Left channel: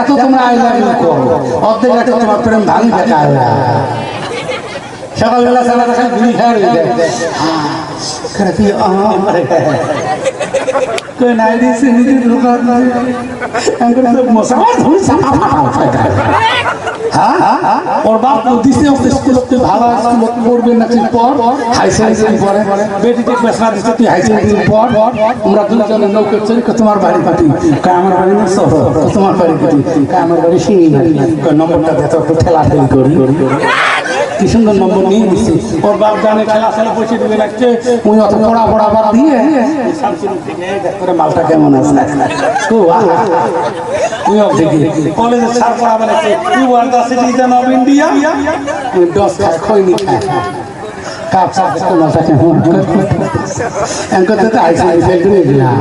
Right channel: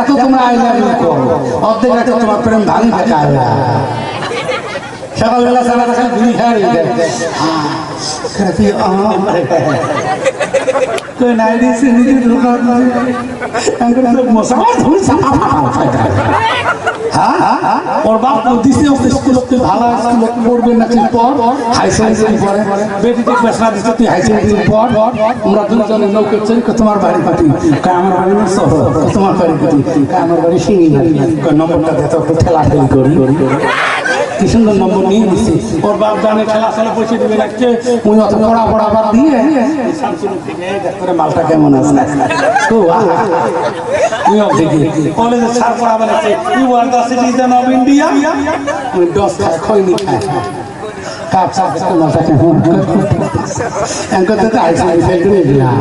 এত তোমরা I love you করো, অর্ধেক রাতে তোমার প্রেম ভাঙি থাকে। সকালবেলা সারা রাখা বিড়ি খায় ওর বাপ দিছে ভালো স্কুল পড়বে নাকি পর হাই সেকেন্ডারি পরে বেটিতে পেশা দিচ্ছে তুই হাই সেকেন্ডারি পর আমরা দুজনে নৌকে চলি তোমার বাড়ি পাঠি আমার বাড়ি শহর তোমার বাড়ি পাঠি আমার বাড়ি সিঙ্গি নম্বরটা দেখো একটু ঠেলা ঠেলি করি কি সুন্দর নম্বর নিয়ে নিচ্ছি। ওর বাপ জানে খেলা খেলা পয়সা দিবে লাগছে উনি অত পড়া পড়া বার দিয়ে করে মালটা কেমন আছে কলেজে ছাড় পড়াবে লাগছে you are the citizen of India ডস খায় খৈনি খায় কাপ সাপ মালটা কেমন এনকো তো আইসি ফেল করে দিলাম